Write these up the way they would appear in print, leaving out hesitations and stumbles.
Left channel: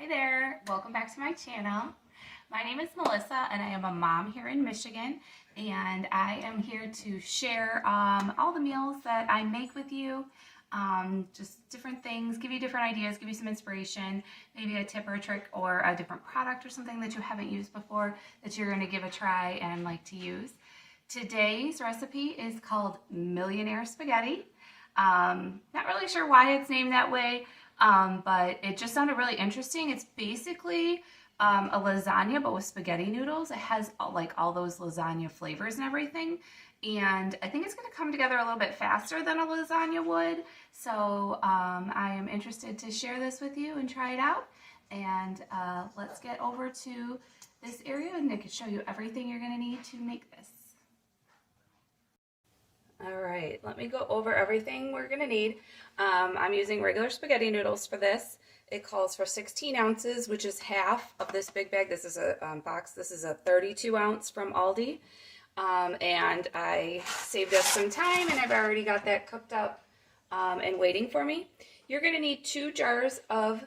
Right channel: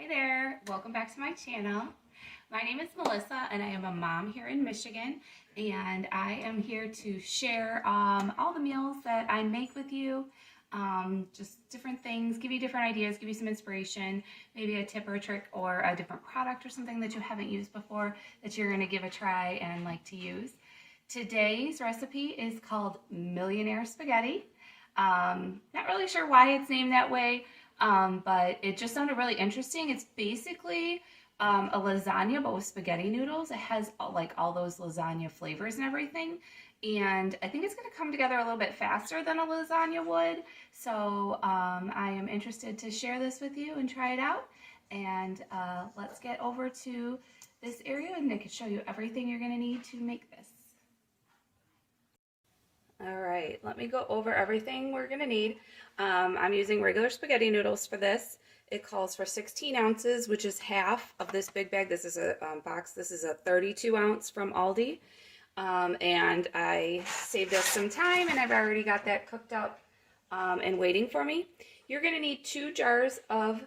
Hi there, welcome back to my channel. My name is Melissa and I am a mom here in Michigan, and I am here to share all the meals that I make with you, just different things, give you different ideas, give you some inspiration, maybe a tip or a trick or a different product or something that you haven't used before that you're going to give a try and like to use. Today's recipe is called Millionaire Spaghetti. Not really sure why it's named that way. But it just sounded really interesting. It's basically a lasagna, but with spaghetti noodles. It has like all those lasagna flavors and everything. And I think it's going to come together a little bit faster than a lasagna would. So I am interested to share this with you and try it out. And let's get over to this area and I can show you everything you're going to need to make this. All right, let me go over everything we're going to need. I'm using regular spaghetti noodles for this. It calls for 16 ounces, which is half of this big bag. This is a box. This is a 32 ounce from Aldi. And I saved us some time, and I've already got that cooked up and waiting for me. You're going to need 2 jars of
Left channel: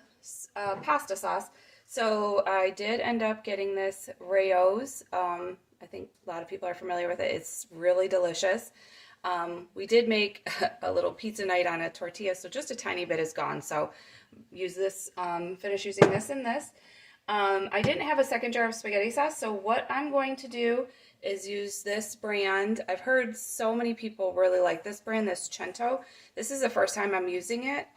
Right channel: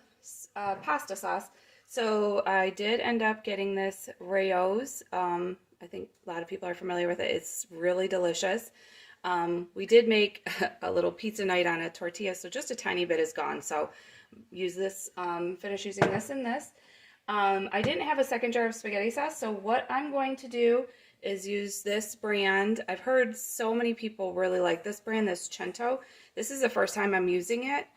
pasta sauce. So I did end up getting this Rayo's. I think a lot of people are familiar with it. It's really delicious. We did make a little pizza night on a tortilla, so just a tiny bit is gone. So use this, finish using this and this. I didn't have a second jar of spaghetti sauce, so what I'm going to do is use this brand. I've heard so many people really like this brand, this Cento. This is the first time I'm using it.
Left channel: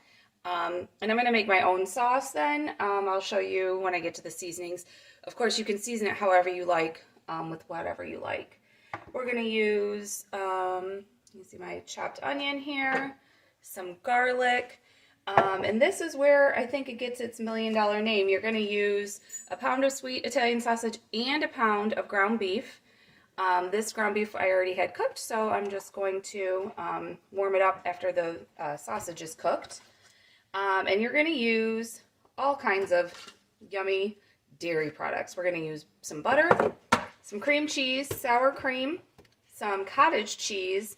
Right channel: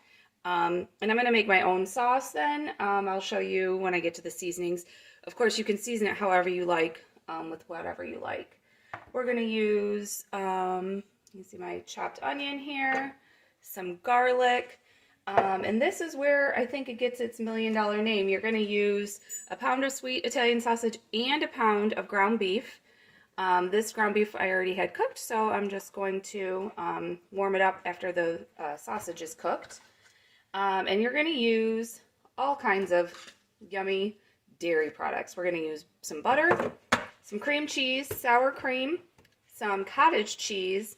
And I'm going to make my own sauce then. I'll show you when I get to the seasonings. Of course, you can season it however you like, with whatever you like. We're going to use... you see my chopped onion here, some garlic, and this is where I think it gets its $1 million name. You're going to use a pound of sweet Italian sausage and a pound of ground beef. This ground beef I already had cooked, so I'm just going to warm it up after the sausage is cooked. And you're going to use all kinds of yummy dairy products. We're going to use some butter, some cream cheese, sour cream, some cottage cheese,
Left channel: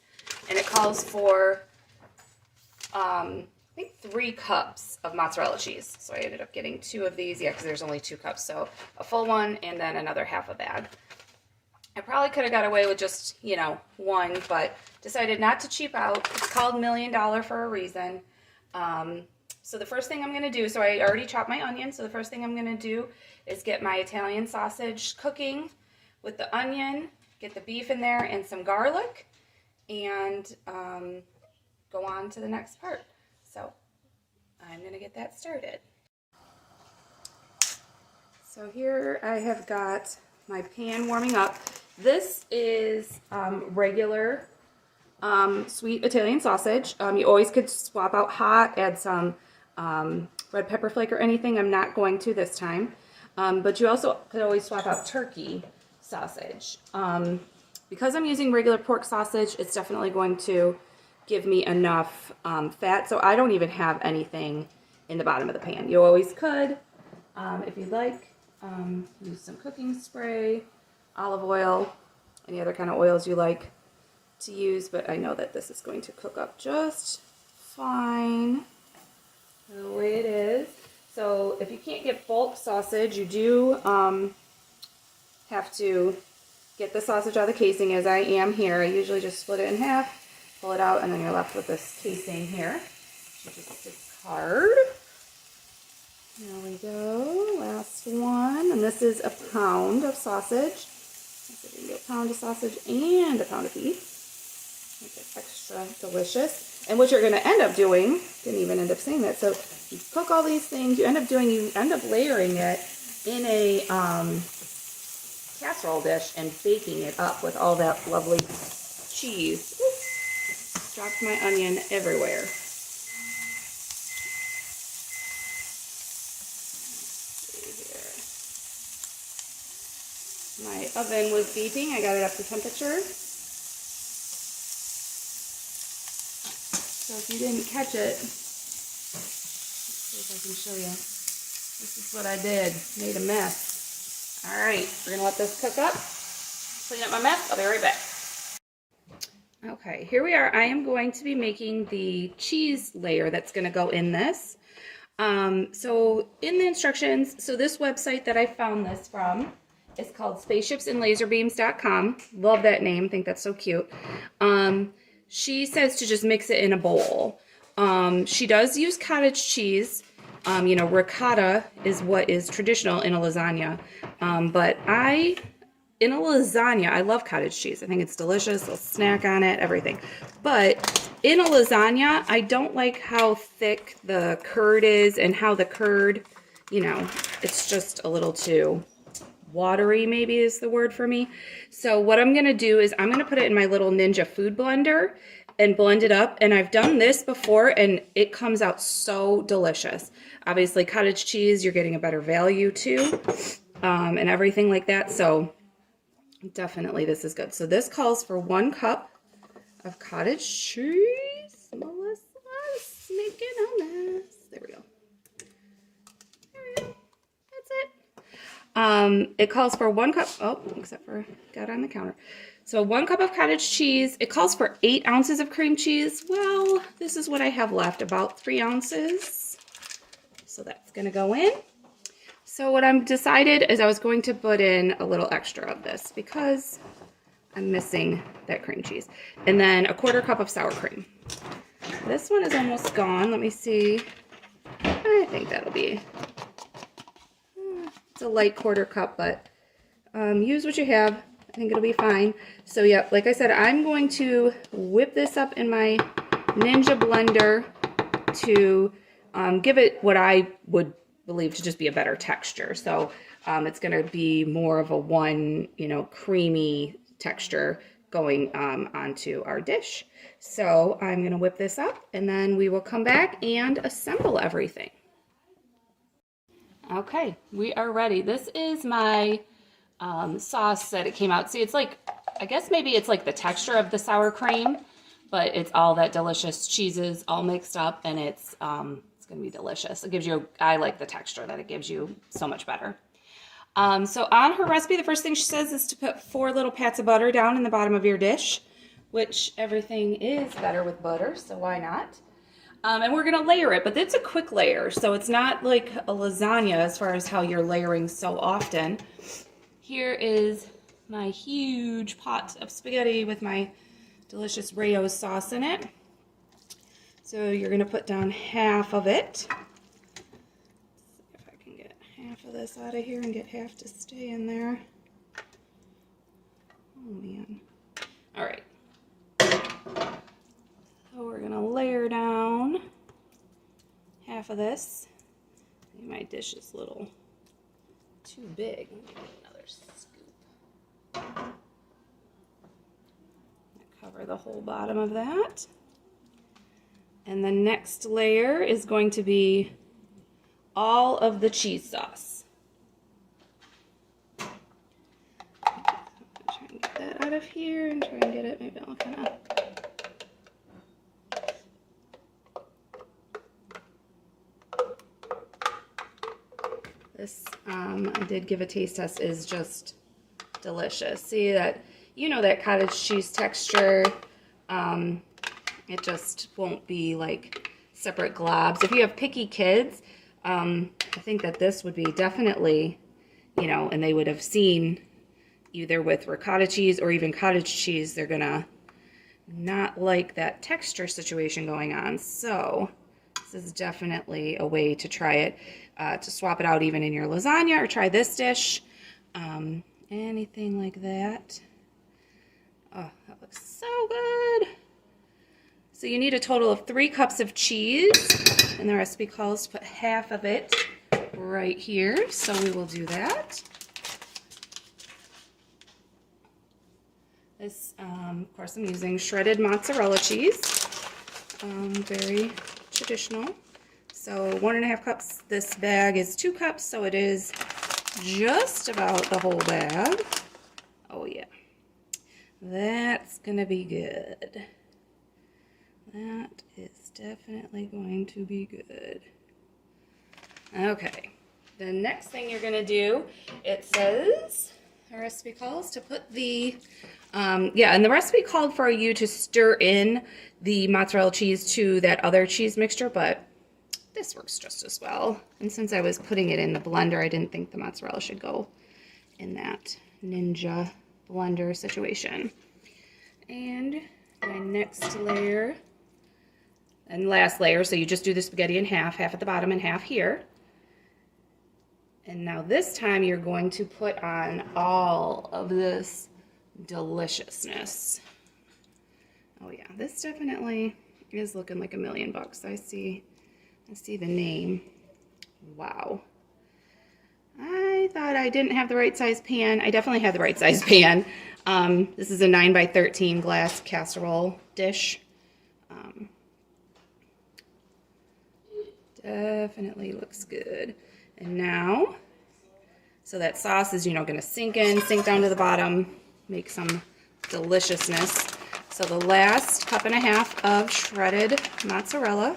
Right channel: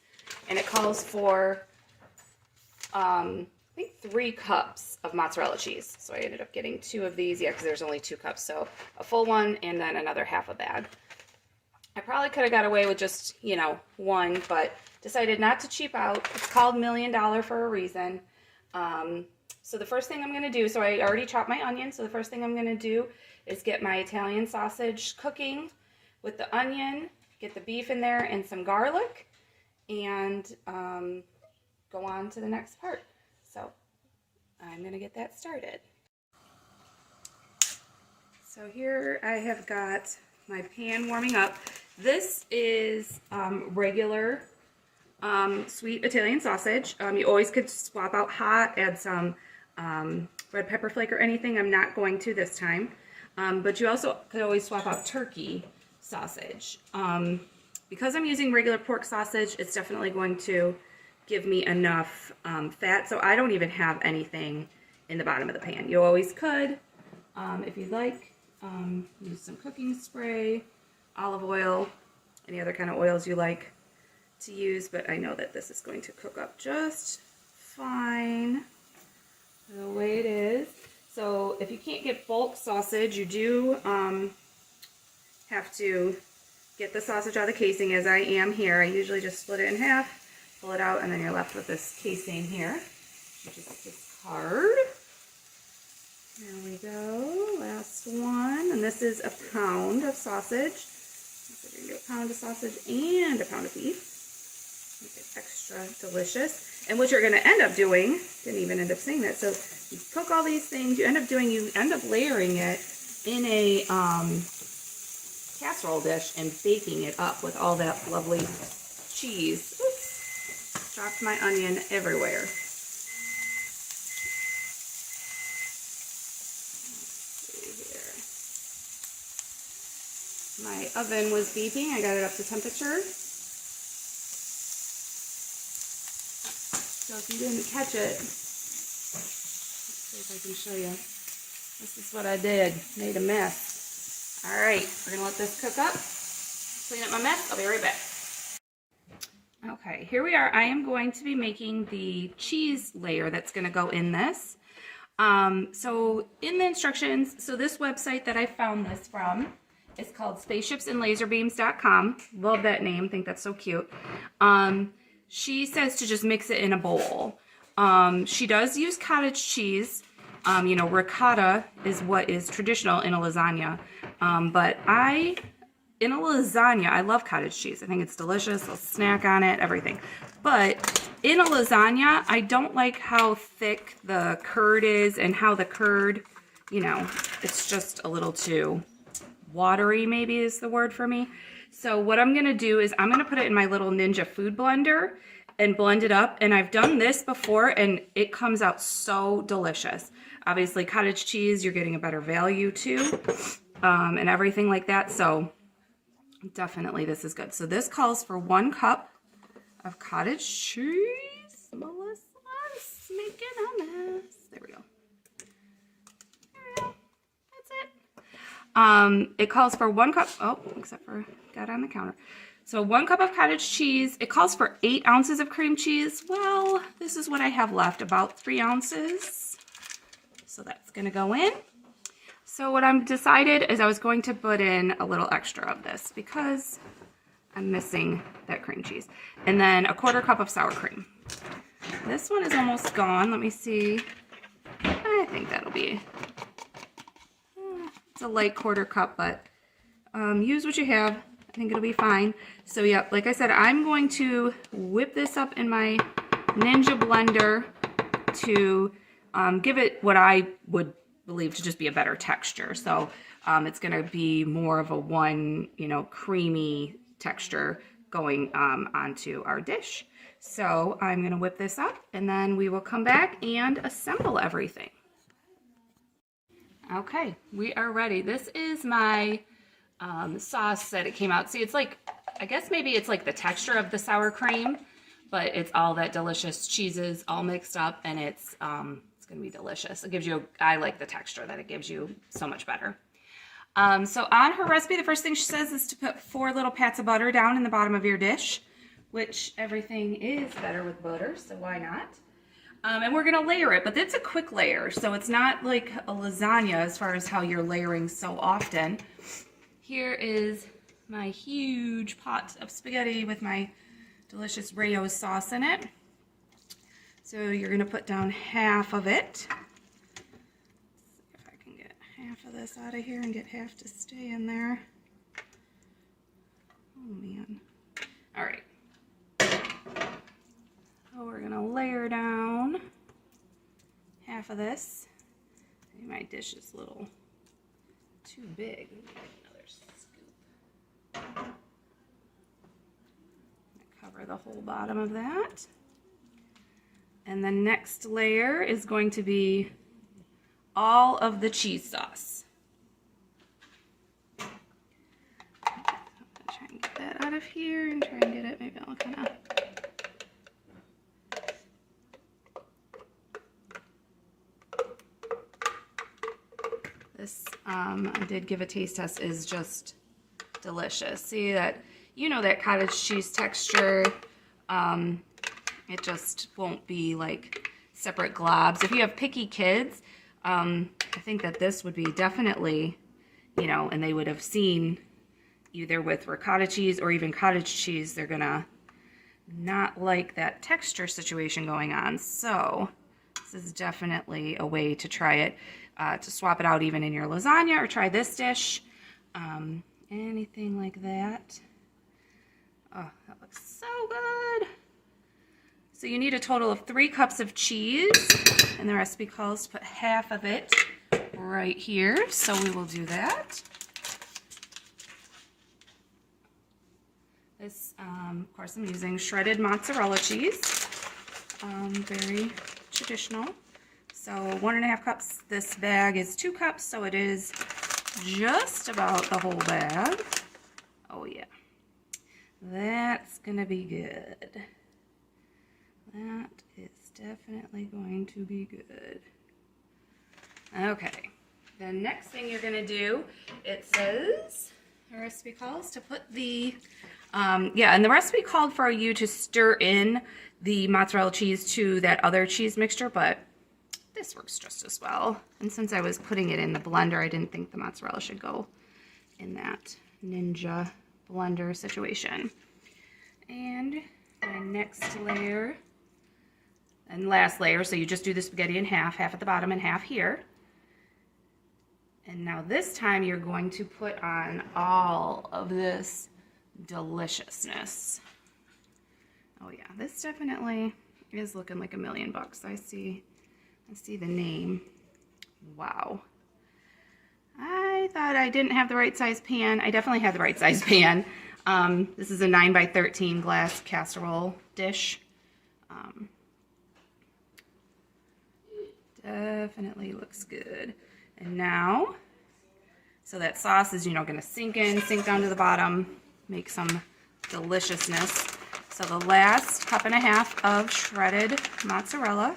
and it calls for, I think 3 cups of mozzarella cheese. So I ended up getting 2 of these, yeah, because there's only 2 cups. So a full one and then another half a bag. I probably could have got away with just, 1, but decided not to cheap out. It's called $1 Million for a reason. So the first thing I'm going to do, so I already chopped my onion, so the first thing I'm going to do is get my Italian sausage cooking with the onion, get the beef in there and some garlic, and go on to the next part. So I'm going to get that started. So here I have got my pan warming up. This is regular sweet Italian sausage. You always could swap out hot, add some red pepper flake or anything. I'm not going to this time. But you also could always swap out turkey sausage. Because I'm using regular pork sausage, it's definitely going to give me enough fat, so I don't even have anything in the bottom of the pan. You always could, if you'd like, use some cooking spray, olive oil, any other kind of oils you like to use, but I know that this is going to cook up just fine the way it is. So if you can't get bulk sausage, you do have to get the sausage out of the casing, as I am here. I usually just split it in half, pull it out, and then you're left with this casing here, which is discard. There we go, last one, and this is a pound of sausage. So we're going to do a pound of sausage and a pound of beef. Make it extra delicious. And what you're going to end up doing, didn't even end up saying that, so you cook all these things, you end up layering it in a casserole dish and baking it up with all that lovely cheese. Oops. Dropped my onion everywhere. My oven was beeping. I got it up to temperature. So if you didn't catch it, let's see if I can show you. This is what I did. Made a mess. Alright, we're going to let this cook up. Clean up my mess. I'll be right back. Okay, here we are. I am going to be making the cheese layer that's going to go in this. So in the instructions, so this website that I found this from is called spaceshipsandlaserbeams.com. Love that name. Think that's so cute. She says to just mix it in a bowl. She does use cottage cheese. You know, ricotta is what is traditional in a lasagna. But in a lasagna, I love cottage cheese. I think it's delicious. I'll snack on it, everything. But in a lasagna, I don't like how thick the curd is and how the curd, you know, it's just a little too watery, maybe is the word for me. So what I'm going to do is I'm going to put it in my little Ninja food blender and blend it up. And I've done this before and it comes out so delicious. Obviously, cottage cheese, you're getting a better value too, and everything like that. So definitely this is good. So this calls for 1 cup of cottage cheese. Melissa's making a mess. There we go. There we go. That's it. It calls for 1 cup. Oh, except for got on the counter. So 1 cup of cottage cheese. It calls for 8 ounces of cream cheese. Well, this is what I have left, about 3 ounces. So that's gonna go in. So what I've decided is I was going to put in a little extra of this because I'm missing that cream cheese. And then a 1/4 cup of sour cream. This one is almost gone. Let me see. I think that'll be, it's a light 1/4 cup, but use what you have. I think it'll be fine. So yeah, like I said, I'm going to whip this up in my Ninja blender to give it what I would believe to just be a better texture. So it's going to be more of a creamy texture going onto our dish. So I'm going to whip this up and then we will come back and assemble everything. Okay, we are ready. This is my sauce that it came out. See, it's like, I guess maybe it's like the texture of the sour cream, but it's all that delicious cheeses all mixed up, and it's going to be delicious. It gives you, I like the texture that it gives you so much better. So on her recipe, the first thing she says is to put 4 little pats of butter down in the bottom of your dish, which everything is better with butter, so why not? And we're gonna layer it, but it's a quick layer, so it's not like a lasagna as far as how you're layering so often. Here is my huge pot of spaghetti with my delicious Rayo sauce in it. So you're gonna put down half of it. See if I can get half of this out of here and get half to stay in there. Oh man. All right. So we're gonna layer down half of this. Maybe my dish is a little too big. Let me get another scoop. Cover the whole bottom of that. And the next layer is going to be all of the cheese sauce. Try and get that out of here and try and get it, maybe I'll come up. This, I did give a taste test, is just delicious. See that, you know, that cottage cheese texture. It just won't be like separate globs. If you have picky kids, I think that this would be definitely, you know, and they would have seen either with ricotta cheese or even cottage cheese, they're gonna not like that texture situation going on. So this is definitely a way to try it, to swap it out even in your lasagna, or try this dish, anything like that. Oh, that looks so good. So you need a total of 3 cups of cheese, and the recipe calls to put half of it right here, so we will do that. This, of course, I'm using shredded mozzarella cheese, very traditional. So 1.5 cups. This bag is 2 cups, so it is just about the whole bag. Oh yeah, that's gonna be good. That is definitely going to be good. Okay, the next thing you're gonna do, it says, the recipe calls to put the, and the recipe called for you to stir in the mozzarella cheese to that other cheese mixture, but this works just as well. And since I was putting it in the blender, I didn't think the mozzarella should go in that Ninja blender situation. And my next layer and last layer, so you just do the spaghetti in half at the bottom and half here. And now this time you're going to put on all of this deliciousness. Oh yeah, this definitely is looking like $1,000,000. I see the name. Wow. I thought I didn't have the right size pan. I definitely had the right size pan. This is a 9x13 glass casserole dish. Definitely looks good. And now, so that sauce is, going to sink down to the bottom, make some deliciousness. So the last 1.5 cups of shredded mozzarella.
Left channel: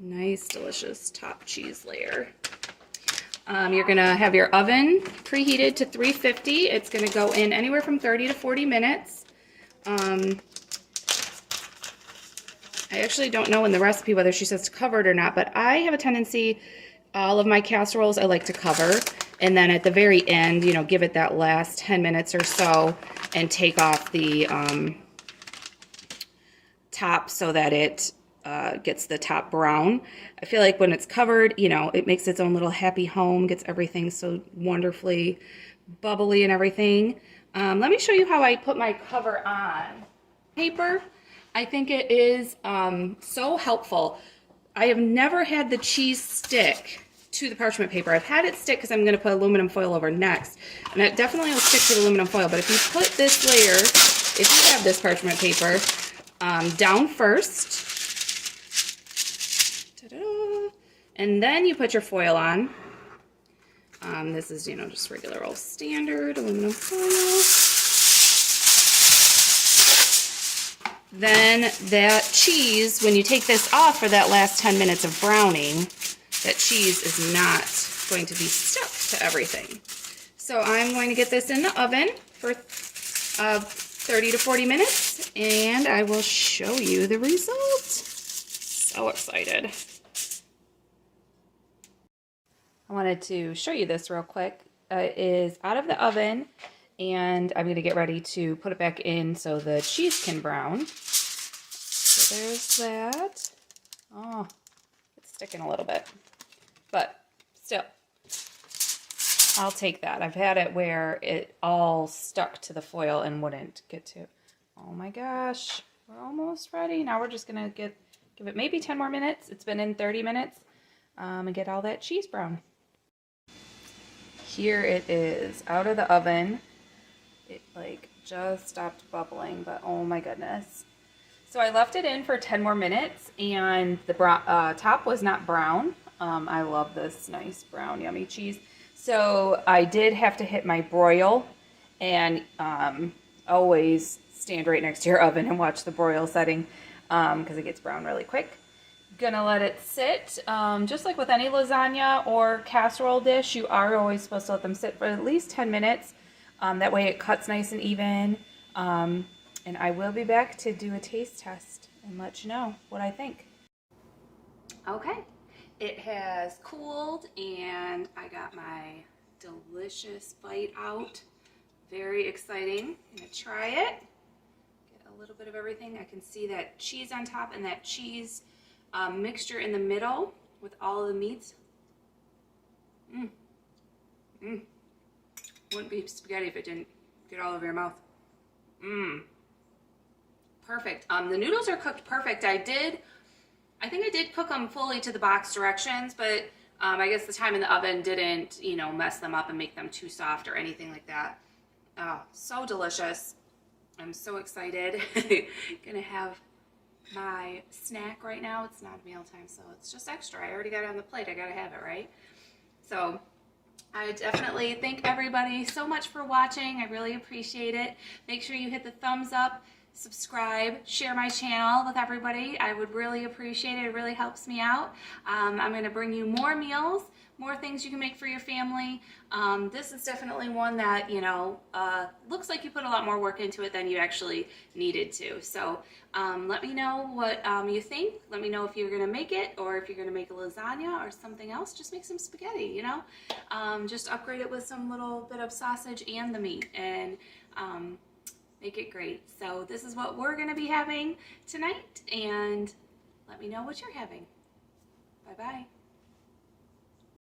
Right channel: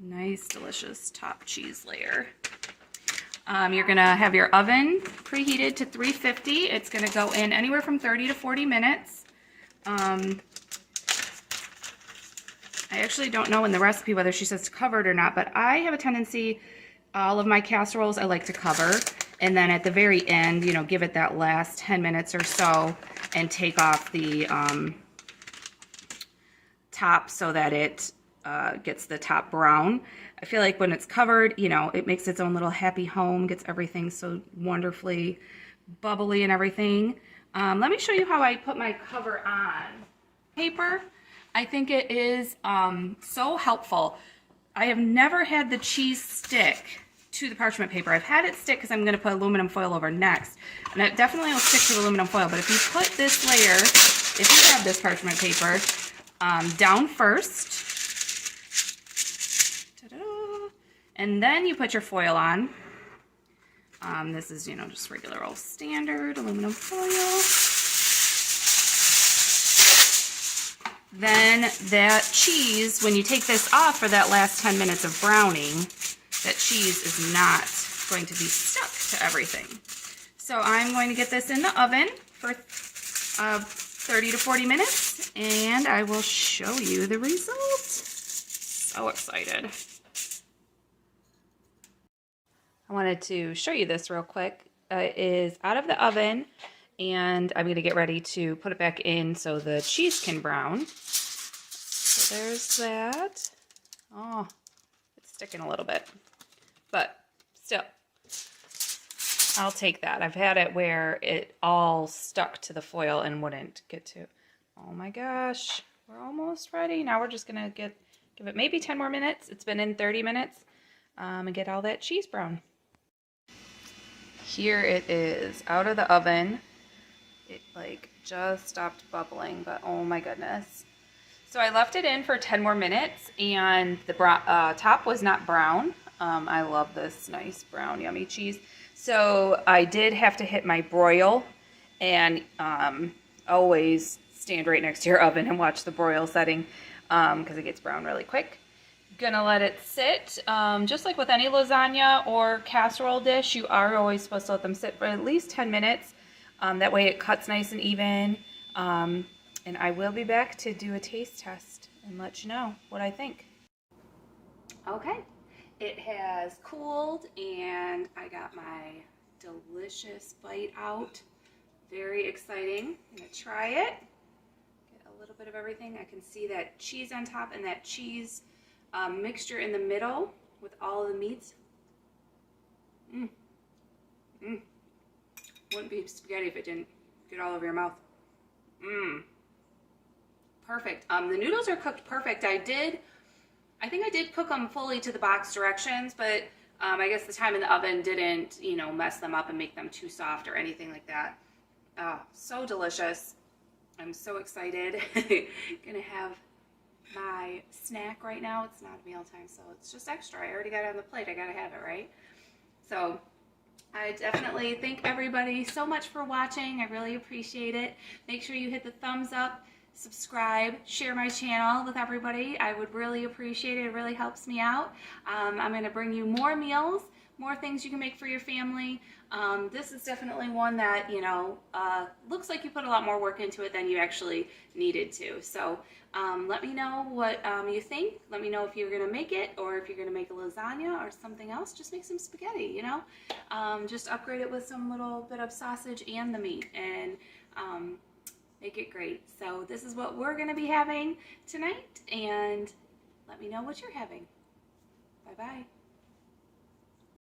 Nice, delicious top cheese layer. You're going to have your oven preheated to 350. It's going to go in anywhere from 30 to 40 minutes. I actually don't know in the recipe whether she says to cover it or not, but I have a tendency, all of my casseroles I like to cover, and then at the very end, give it that last 10 minutes or so and take off the top so that it gets the top brown. I feel like when it's covered, it makes its own little happy home, gets everything so wonderfully bubbly and everything. Let me show you how I put my cover on. Paper, I think it is so helpful. I have never had the cheese stick to the parchment paper. I've had it stick because I'm going to put aluminum foil over next, and it definitely will stick to the aluminum foil. But if you put this layer, if you have this parchment paper, down first, and then you put your foil on. This is, just regular old standard aluminum foil. Then that cheese, when you take this off for that last 10 minutes of browning, that cheese is not going to be stuck to everything. So I'm going to get this in the oven for 30 to 40 minutes, and I will show you the result. So excited. I wanted to show you this real quick. It is out of the oven, and I'm going to get ready to put it back in so the cheese can brown. So there's that. Oh, it's sticking a little bit, but still, I'll take that. I've had it where it all stuck to the foil and wouldn't get to. Oh my gosh, we're almost ready. Now we're just going to give it maybe 10 more minutes. It's been in 30 minutes, and get all that cheese brown. Here it is out of the oven. It just stopped bubbling, but oh my goodness. So I left it in for 10 more minutes, and the top was not brown. I love this nice brown yummy cheese. So I did have to hit my broil, and always stand right next to your oven and watch the broil setting because it gets brown really quick. Gonna let it sit. Just like with any lasagna or casserole dish, you are always supposed to let them sit for at least 10 minutes. That way it cuts nice and even. And I will be back to do a taste test and let you know what I think. Okay, it has cooled and I got my delicious bite out. Very exciting. I'm gonna try it. Get a little bit of everything. I can see that cheese on top and that cheese mixture in the middle with all of the meats. Wouldn't be spaghetti if it didn't get all over your mouth. Perfect. The noodles are cooked perfect. I think I did cook them fully to the box directions, but I guess the time in the oven didn't, mess them up and make them too soft or anything like that. So delicious. I'm so excited. Gonna have my snack right now. It's not mealtime, so it's just extra. I already got it on the plate. I gotta have it, right? So I definitely thank everybody so much for watching. I really appreciate it. Make sure you hit the thumbs up, subscribe, share my channel with everybody. I would really appreciate it. It really helps me out. I'm going to bring you more meals, more things you can make for your family. This is definitely one that, you know, looks like you put a lot more work into it than you actually needed to. So let me know what you think. Let me know if you're going to make it, or if you're going to make a lasagna or something else. Just make some spaghetti, you know. Just upgrade it with some little bit of sausage and the meat, and make it great. So this is what we're going to be having tonight, and let me know what you're having. Bye-bye.